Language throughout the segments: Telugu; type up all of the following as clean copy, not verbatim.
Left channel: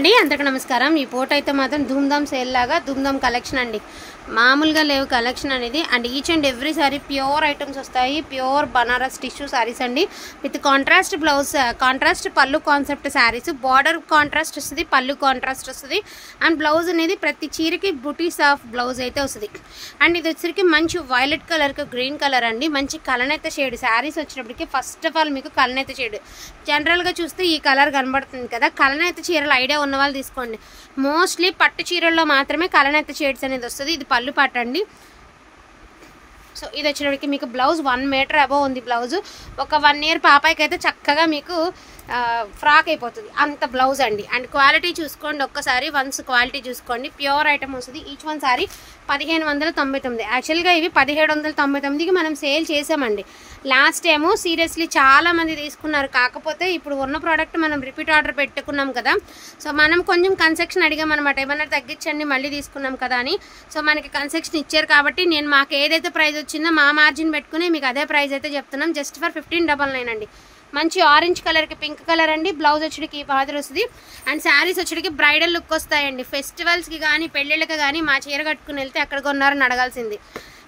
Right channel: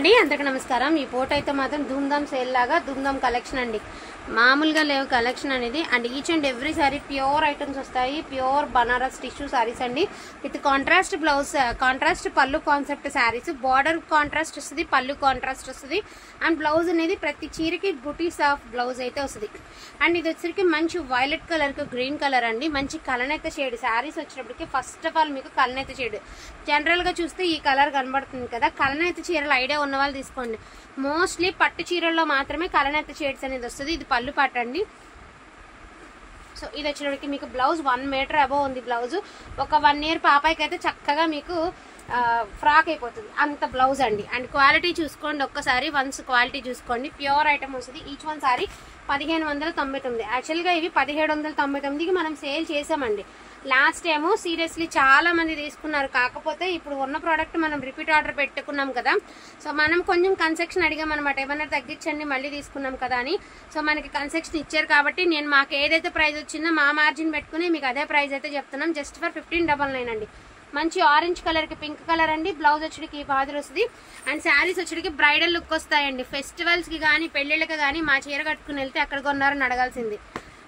అండి అందరికీ నమస్కారం। ఈ పూట అయితే మాత్రం ధూమ్ధామ్ సేల్ లాగా ధూమ్ధామ్ కలెక్షన్ అండి, మామూలుగా లేవు కలెక్షన్ అనేది। And each and every sorry pure items వస్తాయి, ప్యూర్ బనారస్ టిష్యూ సారీస్ అండి, విత్ కాంట్రాస్ట్ బ్లౌజ్, కాంట్రాస్ట్ పళ్ళు కాన్సెప్ట్ సారీస్, బార్డర్ కాంట్రాస్ట్ వస్తుంది, పళ్ళు కాంట్రాస్ట్ వస్తుంది, అండ్ బ్లౌజ్ అనేది ప్రతి చీరకి బుటీస్ ఆఫ్ బ్లౌజ్ అయితే వస్తుంది। అండ్ ఇది వచ్చరికి మంచి వైలెట్ కలర్కి గ్రీన్ కలర్ అండి, మంచి కలనేత షేడ్ సారీస్ వచ్చినప్పటికి ఫస్ట్ ఆఫ్ ఆల్ మీకు కలనేత షేడ్ జనరల్గా చూస్తే ఈ కలర్ కనబడుతుంది కదా, కలనేత చీరలు ఐడియా ఉన్న వాళ్ళు తీసుకోండి। మోస్ట్లీ పట్టు చీరల్లో మాత్రమే కలనేత షేడ్స్ అనేది వస్తుంది। ఇది పళ్ళు పాట అండి। సో ఇది వచ్చేటప్పటికి మీకు బ్లౌజ్ 1 మీటర్ అబవ్ ఉంది బ్లౌజ్, ఒక 1 ఇయర్ పాపాయికి అయితే చక్కగా మీకు ఫ్రాక్ అయిపోతుంది అంత బ్లౌజ్ అండి। అండ్ క్వాలిటీ చూసుకోండి ఒక్కసారి, వన్స్ క్వాలిటీ చూసుకోండి, ప్యూర్ ఐటమ్ వస్తుంది। ఈచ్ వన్ సారీ 1599, యాక్చువల్గా ఇవి 1799కి మనం సేల్ చేసామండి లాస్ట్ టైము। సీరియస్లీ చాలా మంది తీసుకున్నారు, కాకపోతే ఇప్పుడు ఉన్న ప్రోడక్ట్ మనం రిపీట్ ఆర్డర్ పెట్టుకున్నాం కదా, సో మనం కొంచెం కన్సెక్షన్ అడిగాం అనమాట, ఏమన్నా తగ్గించండి మళ్ళీ తీసుకున్నాం కదా అని। సో మనకి కన్సెక్షన్ ఇచ్చారు కాబట్టి నేను మాకు ఏదైతే ప్రైస్ వచ్చిందో మా మార్జిన్ పెట్టుకుని మీకు అదే ప్రైస్ అయితే చెప్తున్నాం, జస్ట్ ఫర్ 1599 అండి। మంచి ఆరెంజ్ కలర్కి పింక్ కలర్ అండి, బ్లౌజ్ వచ్చేటికి ఈ బాదర్ వస్తుంది, అండ్ శారీస్ వచ్చేటికి బ్రైడల్ లుక్ వస్తాయండి। ఫెస్టివల్స్కి కానీ పెళ్ళిళ్ళకి కానీ మా చీర కట్టుకుని వెళ్తే ఎక్కడ కొన్నారని అడగాల్సింది।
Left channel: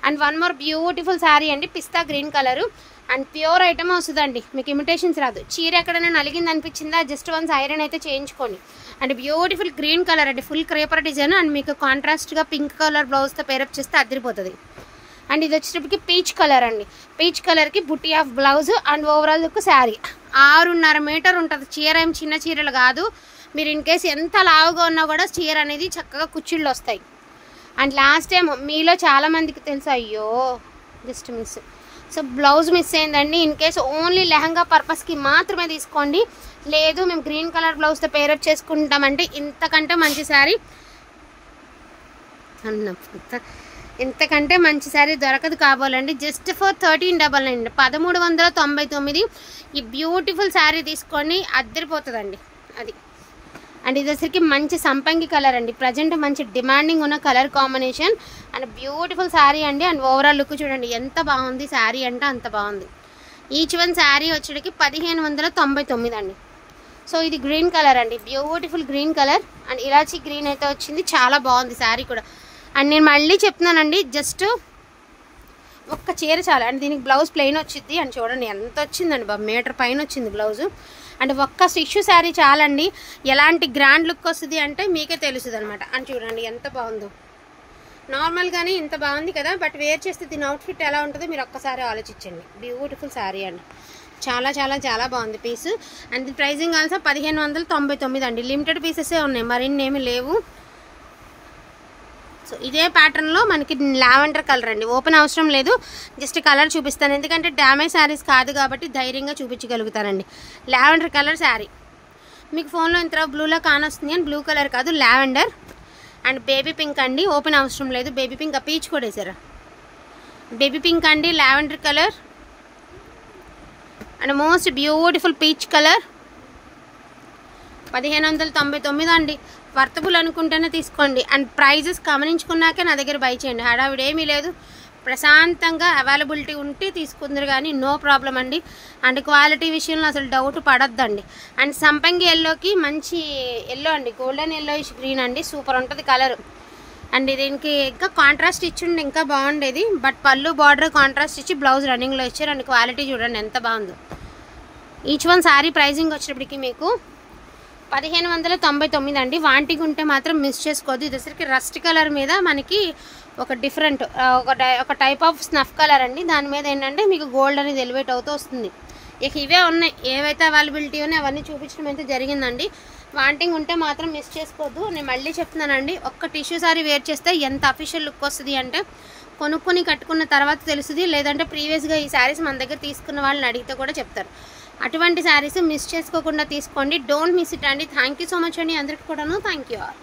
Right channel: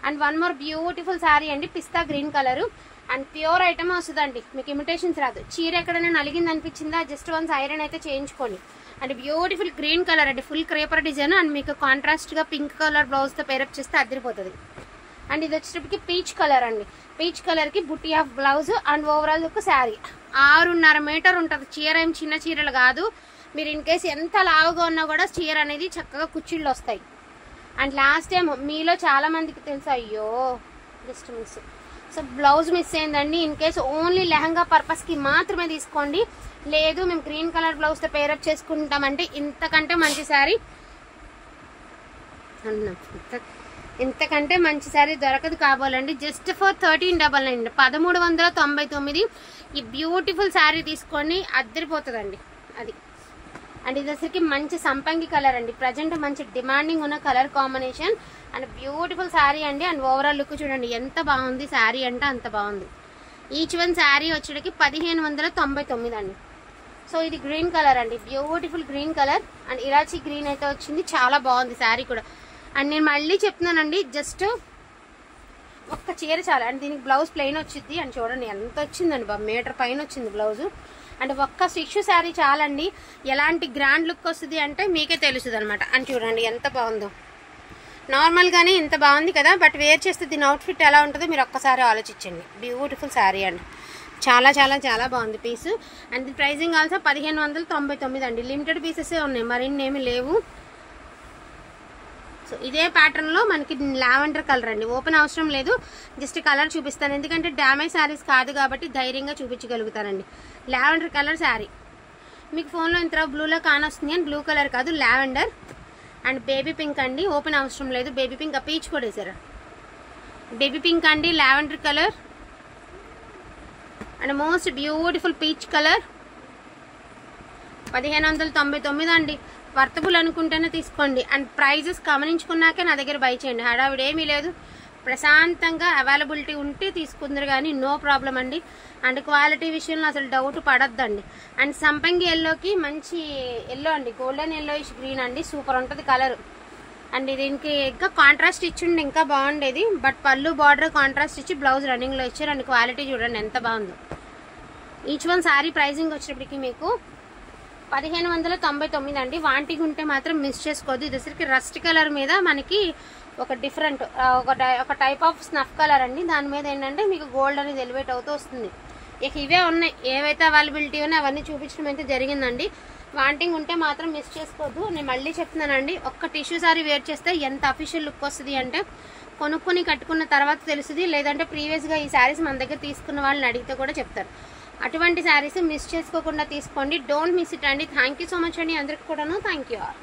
And one more beautiful sari అండి, pista green colour, and pure item వస్తుందండి, మీకు ఇమిటేషన్స్ రాదు। చీర ఎక్కడైనా నలిగింది అనిపించిందా జస్ట్ వన్స్ ఐరన్ అయితే చేయించుకోండి। అండ్ బ్యూటిఫుల్ గ్రీన్ కలర్ అండి, ఫుల్ క్రేపర్ డిజైన్, అండ్ మీకు కాంట్రాస్ట్గా పింక్ కలర్ బ్లౌజ్తో పేరప్ చేస్తే అదిరిపోతుంది। అండ్ ఇది వచ్చేటప్పటికి పీచ్ కలర్ అండి, పీచ్ కలర్కి బుట్టి of blouse, and overall look sari 6.5 metre ఉంటుంది చీర, ఏం చిన్న చీరలు కాదు, మీరు ఇన్ కేసు ఎంత లావుగా ఉన్నా కూడా చీర అనేది చక్కగా కుచ్చిళ్ళు వస్తాయి। అండ్ లాస్ట్ టైం మీలో చాలామందికి తెలుసు, అయ్యో just miss, so blouse miss అయిందండి, ఇన్ కేసు ఓన్లీ లెహంగా పర్పస్కి మాత్రమే తీసుకోండి, లేదు మేము గ్రీన్ కలర్ బ్లౌజ్తో పేరప్ చేసుకుంటామంటే ఇంతకంటే మంచి శారీ ఇంతకంటే మంచి శారీ దొరకదు కాబోలండి। జస్ట్ ఫర్ 1399, 1399 ఈ బ్యూటిఫుల్ శారీ తీసుకోండి, అద్దరిపోతుందండి అది। అండ్ ఇది వచ్చరికి మంచి సంపంగి కలర్ అండి, ప్రజెంట్ మంచి డిమాండింగ్ ఉన్న colour combination, and beautiful sari అండి। అండ్ ఓవరాల్ లుక్ చూడండి ఎంత బాగుంది శారీ అంటే అంత బాగుంది। ఈచ్ వన్ శారీ వచ్చేటికి 1599 అండి। సో ఇది గ్రీన్ కలర్ అండి, beautiful green colour, and elaichi green అయితే వచ్చింది, చాలా బాగుంది శారీ కూడా। అండ్ నేను మళ్ళీ చెప్తున్నానండి, జస్ట్ ఒక్క చీర చాలా, అండ్ దీనికి బ్లౌజ్ ప్లెయిన్ వచ్చింది, అండ్ చూడండి ఎంత వచ్చిందండి బాబు, మీటర్ పైన వచ్చింది బ్లౌజు, అండ్ ఒక్క టిష్యూ శారీ చాలండి, ఎలాంటి గ్రాండ్ లుక్ వస్తుంది అంటే మీకే తెలుస్తుంది అనమాట। అండ్ చూడండి ఎంత బాగుందో, నార్మల్గానే ఇంత బాగుంది కదా, బట్ వేర్ చేస్తే దీని అవుట్ఫిట్ ఎలా ఉంటుందో మీరు ఒక్కసారి ఆలోచించండి। బ్యూటిఫుల్ శారీ అండి, చాలా చాలా చాలా బాగుంది పీసు, అండ్ ది ప్రైజింగ్ ఆల్సో 1599 అండి, లిమిటెడ్ పీసెసే ఉన్నాయి, మరిన్ని ఏమి లేవు। సో ఇదే ప్యాటర్న్లో మనకి లావెండర్ కలర్ అండి, ఓపెన్ అవసరం లేదు, జస్ట్ కలర్ చూపిస్తాను, ఎందుకంటే డ్యామేజ్ శారీస్ కాదు కాబట్టి ధైర్యంగా చూపించగలుగుతానండి। లావెండర్ కలర్ శారీ మీకు ఫోన్లో ఇంత బ్లూలో కానొస్తుంది, అని బ్లూ కలర్ కాదు లావెండర్, అండ్ బేబీ పింక్ అండి, ఓపెన్ అవసరం లేదు, బేబీ పింక్ ఆ పీచ్ కూడా వేసారా, బేబీ పింక్ అండి, lavender colour, and most beautiful peach colour, 1599 అండి, వర్తబుల్ అనుకుంటేనే తీసుకోండి। అండ్ ప్రైజెస్ గమనించుకున్నాకే నా దగ్గర బై చేయండి, హడావిడి ఏమీ లేదు, ప్రశాంతంగా అవైలబిలిటీ ఉంటే తీసుకుందరు కానీ నో ప్రాబ్లం అండి। అండ్ క్వాలిటీ విషయంలో అసలు డౌట్ పడద్దండి। అండ్ సంపంగి ఎల్లోకి మంచి ఎల్లో అండి, గోల్డెన్ ఎల్లోయిష్ గ్రీన్ అండి, సూపర్ ఉంటుంది కలర్। అండ్ దీనికి ఇంకా కాంట్రాస్ట్ ఇచ్చిండి ఇంకా బాగుండేది, బట్ పళ్ళు బార్డర్ కాంట్రాస్ట్ ఇచ్చి బ్లౌజ్ రన్నింగ్లో ఇచ్చారు, అండ్ క్వాలిటీ చూడండి ఎంత బాగుందో। ఈచ్ వన్ శారీ ప్రైజింగ్ వచ్చేటప్పటికి మీకు 1599 అండి, వాంటింగ్ ఉంటే మాత్రం మిస్ చేసుకోవద్దు। ఇది వచ్చరికి రస్ట్ కలర్ మీద మనకి ఒక డిఫరెంట్ ఒక టైప్ ఆఫ్ స్నఫ్ కలర్ అండి, దాని మీద ఏంటంటే మీకు గోల్డ్ అనేది ఎలివేట్ అవుతూ వస్తుంది। ఇక ఇవే ఉన్నాయి, ఏవైతే అవైలబిలిటీ ఉన్నాయో అవన్నీ చూపించడం అయితే జరిగిందండి, వాంటింగ్ ఉంటే మాత్రం మిస్ చేసుకోవద్దు। నేను మళ్ళీ చెప్తున్నానండి, ఒక్క టిష్యూ సారీ వేర్ చేస్తే ఎంత అఫీషియల్ లుక్ వస్తుంది అంటే కొనుక్కొని కట్టుకున్న తర్వాత తెలుస్తుంది, లేదంటే ప్రీవియస్గా ఈ శారీస్ మన దగ్గర తీసుకున్న వాళ్ళని అడిగితే కూడా చెప్తారు। అటువంటి శారీస్ మిస్ చేసుకోకుండా తీసుకోండి, డోంట్ మిస్ ఇట్ అండి। థ్యాంక్ యూ సో మచ్ అండి అందరికి కూడాను, థ్యాంక్ యూ ఆల్।